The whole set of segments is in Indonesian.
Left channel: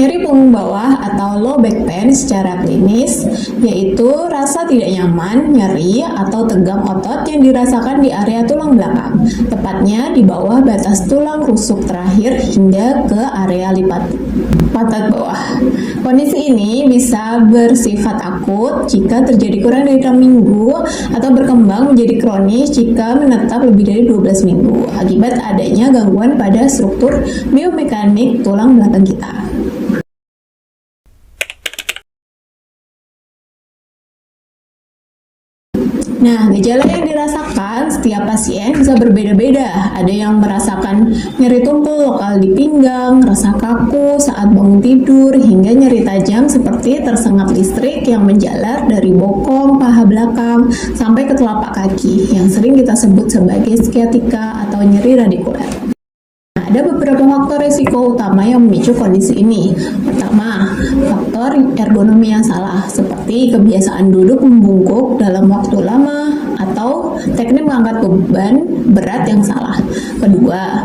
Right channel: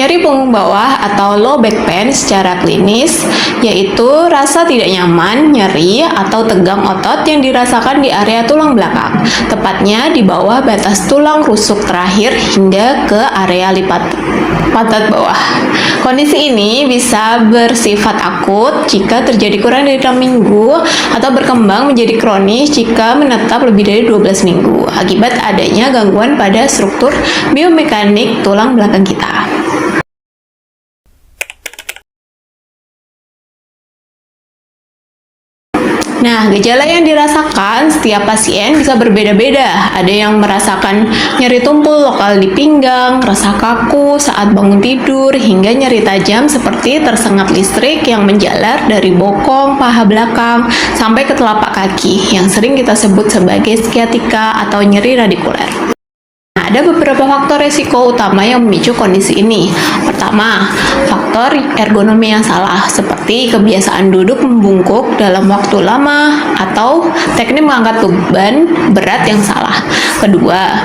Nyeri punggung bawah atau low back pain secara klinis yaitu rasa tidak nyaman, nyeri, atau tegang otot yang dirasakan di area tulang belakang, tepatnya di bawah batas tulang rusuk terakhir hingga ke area lipat pantat bawah. Kondisi ini bisa bersifat akut jika terjadi kurang dari 6 minggu atau berkembang menjadi kronis jika menetap lebih dari 12 minggu akibat adanya gangguan pada struktur biomekanik tulang belakang kita. Nah, gejala yang dirasakan setiap pasien bisa berbeda-beda. Ada yang merasakan nyeri tumpul lokal di pinggang, rasa kaku saat bangun tidur, hingga nyeri tajam seperti tersengat listrik yang menjalar dari bokong, paha belakang, sampai ke telapak kaki, yang sering kita sebut sebagai sciatica atau nyeri radikuler. Ada beberapa faktor resiko utama yang memicu kondisi ini. Pertama, faktor ergonomi yang salah, seperti kebiasaan duduk membungkuk dalam waktu lama atau teknik mengangkat beban berat yang salah. Kedua,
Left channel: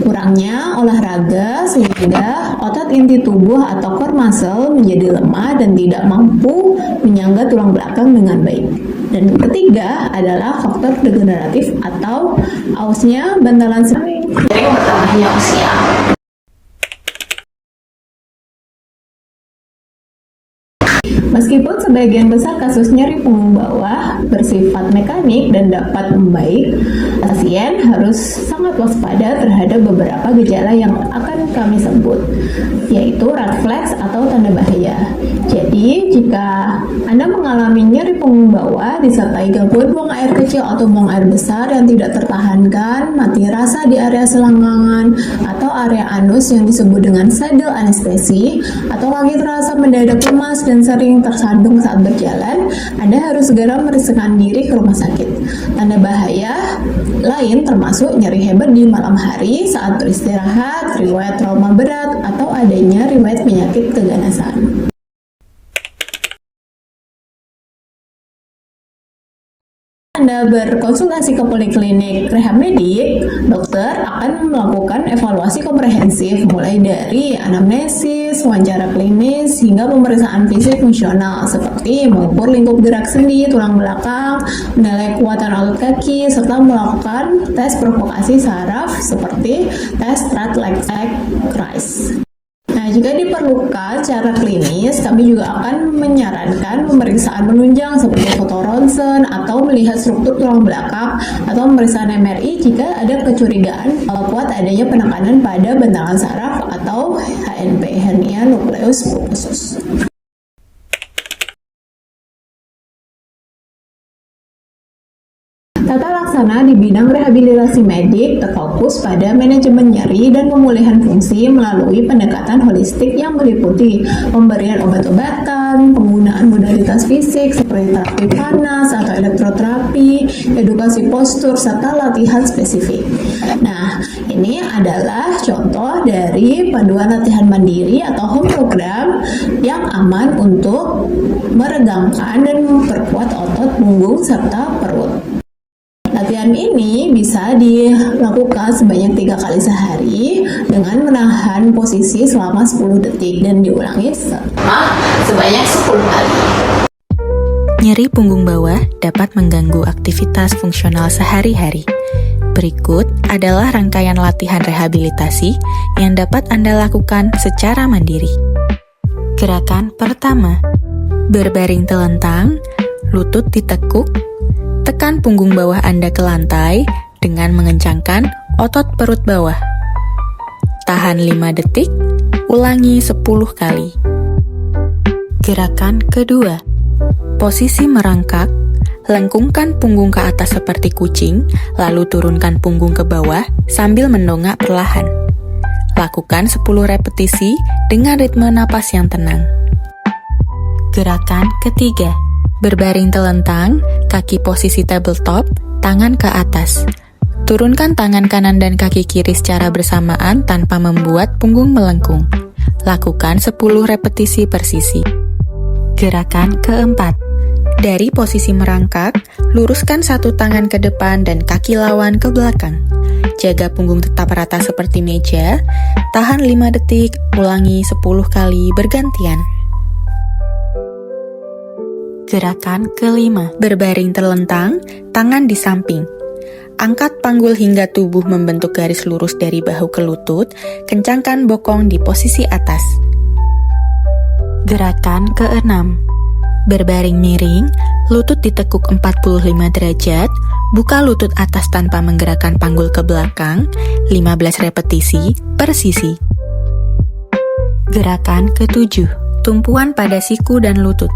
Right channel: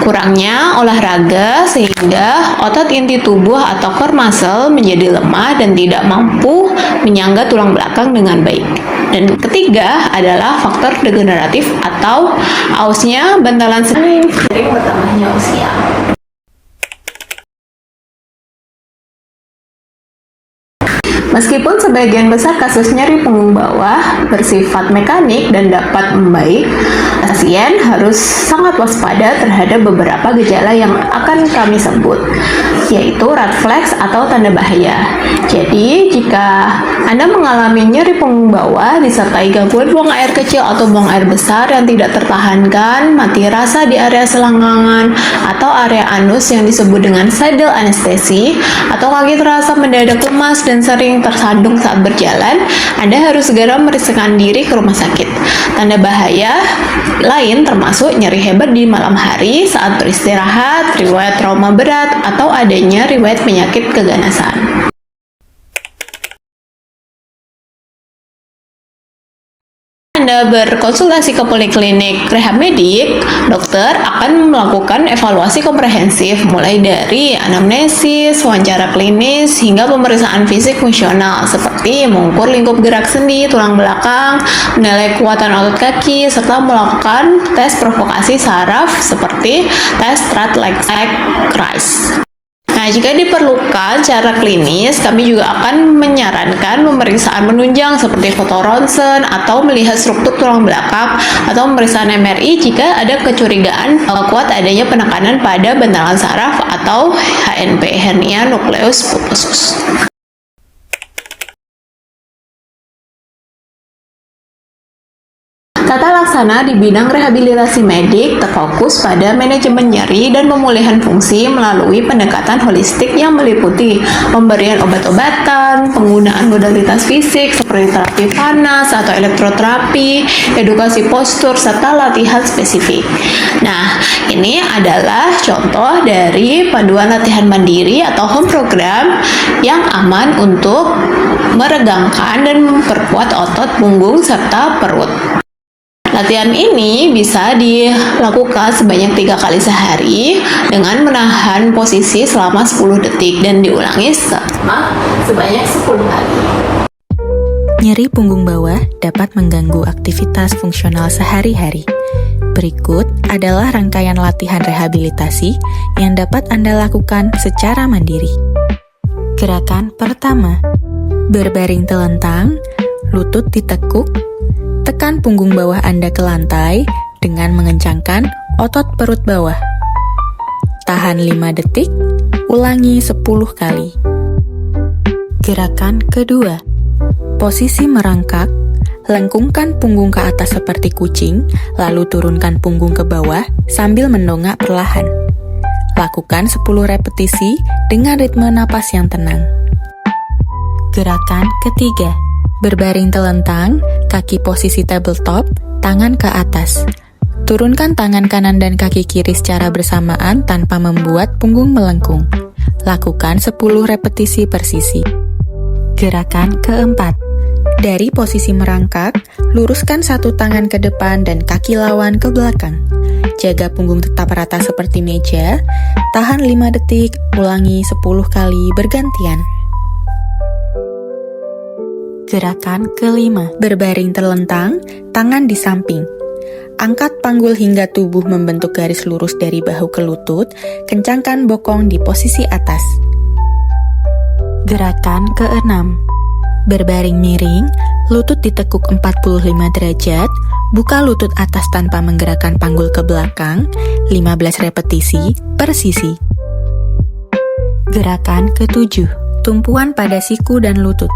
kurangnya olahraga sehingga otot inti tubuh atau core muscle menjadi lemah dan tidak mampu menyangga tulang belakang dengan baik. Dan ketiga adalah faktor degeneratif atau ausnya bantalan sering bertambahnya usia. Meskipun sebagian besar kasus nyeri punggung bawah bersifat mekanik dan dapat membaik, pasien harus sangat waspada terhadap beberapa gejala yang akan kami sebut, yaitu red flags atau tanda bahaya. Jadi, jika Anda mengalami nyeri punggung bawah disertai gangguan buang air kecil atau buang air besar yang tidak tertahankan, mati rasa di area selangkangan atau area anus yang disebut dengan saddle anestesi, atau kaki terasa mendadak lemas dan sering tersandung saat berjalan, Anda harus segera memeriksakan diri ke rumah sakit. Tanda bahaya lain termasuk nyeri hebat di malam hari saat beristirahat, riwayat trauma berat, atau adanya riwayat penyakit keganasan. Anda berkonsultasi ke poliklinik rehab medik, dokter akan melakukan evaluasi komprehensif mulai dari anamnesis, wawancara klinis, hingga pemeriksaan fisik fungsional seperti mengukur lingkup gerak sendi, tulang belakang, menilai kekuatan otot kaki, serta melakukan tes provokasi saraf seperti tes strut leg rise. Nah, jika diperlukan secara klinis, kami juga akan menyarankan pemeriksaan menunjang seperti foto ronsen atau melihat struktur tulang belakang atau pemeriksaan MRI jika ada kecurigaan kuat adanya penekanan pada bantalan saraf atau HNP, hernia nucleus pulposus. Tata laksana di bidang rehabilitasi medik terfokus pada manajemen nyeri dan pemulihan fungsi melalui pendekatan holistik yang meliputi pemberian obat-obatan, penggunaan modalitas fisik seperti terapi panas atau elektroterapi, edukasi postur, serta latihan spesifik. Nah, ini adalah contoh dari panduan latihan mandiri atau home program yang aman untuk meregangkan dan memperkuat otot punggung serta perut. Latihan ini bisa dilakukan sebanyak 3 kali sehari dengan menahan posisi selama 10 detik dan diulangi sebanyak 10 kali. Nyeri punggung bawah dapat mengganggu aktivitas fungsional sehari-hari. Berikut adalah rangkaian latihan rehabilitasi yang dapat Anda lakukan secara mandiri. Gerakan pertama, berbaring telentang, lutut ditekuk, tekan punggung bawah Anda ke lantai dengan mengencangkan otot perut bawah. Tahan 5 detik, ulangi 10 kali. Gerakan kedua, posisi merangkak, lengkungkan punggung ke atas seperti kucing, lalu turunkan punggung ke bawah sambil mendongak perlahan. Lakukan 10 repetisi dengan ritme napas yang tenang. Gerakan ketiga, berbaring telentang, kaki posisi tabletop, tangan ke atas. Turunkan tangan kanan dan kaki kiri secara bersamaan tanpa membuat punggung melengkung. Lakukan 10 repetisi per sisi. Gerakan keempat, Dari posisi merangkak, luruskan satu tangan ke depan dan kaki lawan ke belakang. Jaga punggung tetap rata seperti meja, tahan 5 detik, ulangi 10 kali bergantian. Gerakan kelima, berbaring terlentang, tangan di samping. Angkat panggul hingga tubuh membentuk garis lurus dari bahu ke lutut, kencangkan bokong di posisi atas. Gerakan keenam, berbaring miring, lutut ditekuk 45 derajat, buka lutut atas tanpa menggerakkan panggul ke belakang, 15 repetisi per sisi. Gerakan ketujuh, tumpuan pada siku dan lutut.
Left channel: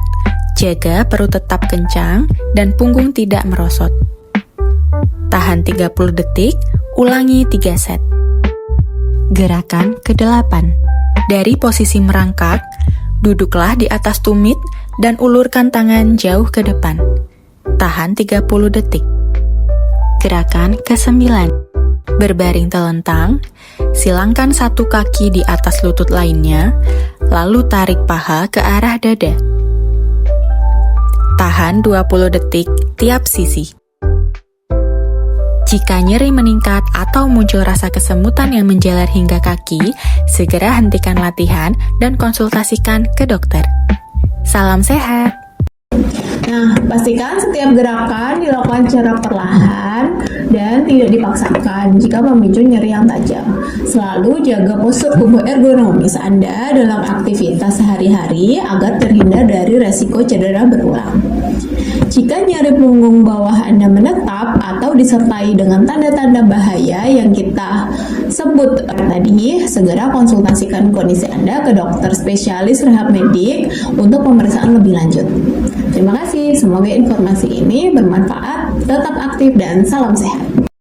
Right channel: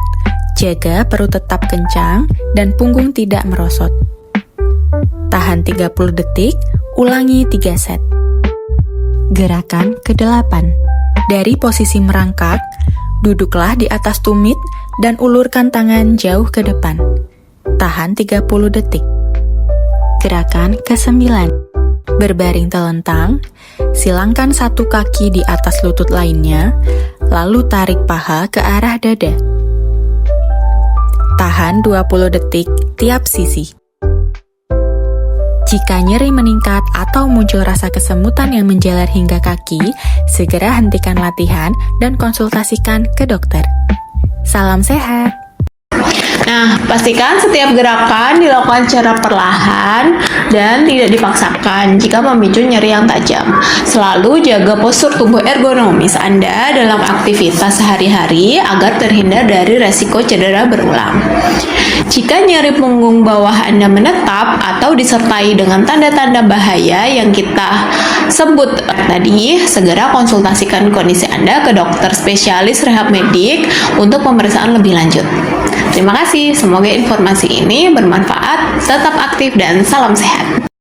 Jaga perut tetap kencang dan punggung tidak merosot. Tahan 30 detik, ulangi 3 set. Gerakan kedelapan, dari posisi merangkak, duduklah di atas tumit dan ulurkan tangan jauh ke depan. Tahan 30 detik. Gerakan ke-9, berbaring telentang, silangkan satu kaki di atas lutut lainnya, lalu tarik paha ke arah dada. Tahan 20 detik tiap sisi. Jika nyeri meningkat atau muncul rasa kesemutan yang menjalar hingga kaki, segera hentikan latihan dan konsultasikan ke dokter. Salam sehat! Nah, pastikan setiap gerakan dilakukan secara perlahan dan tidak dipaksakan jika memicu nyeri yang tajam. Selalu jaga postur tubuh ergonomis Anda dalam aktivitas sehari-hari agar terhindar dari resiko cedera berulang. Jika nyeri punggung bawah Anda menetap atau disertai dengan tanda-tanda bahaya yang kita sebut tadi, segera konsultasikan kondisi Anda ke dokter spesialis rehab medik untuk pemeriksaan lebih lanjut. Terima kasih, semoga informasi ini bermanfaat, tetap aktif dan salam sehat.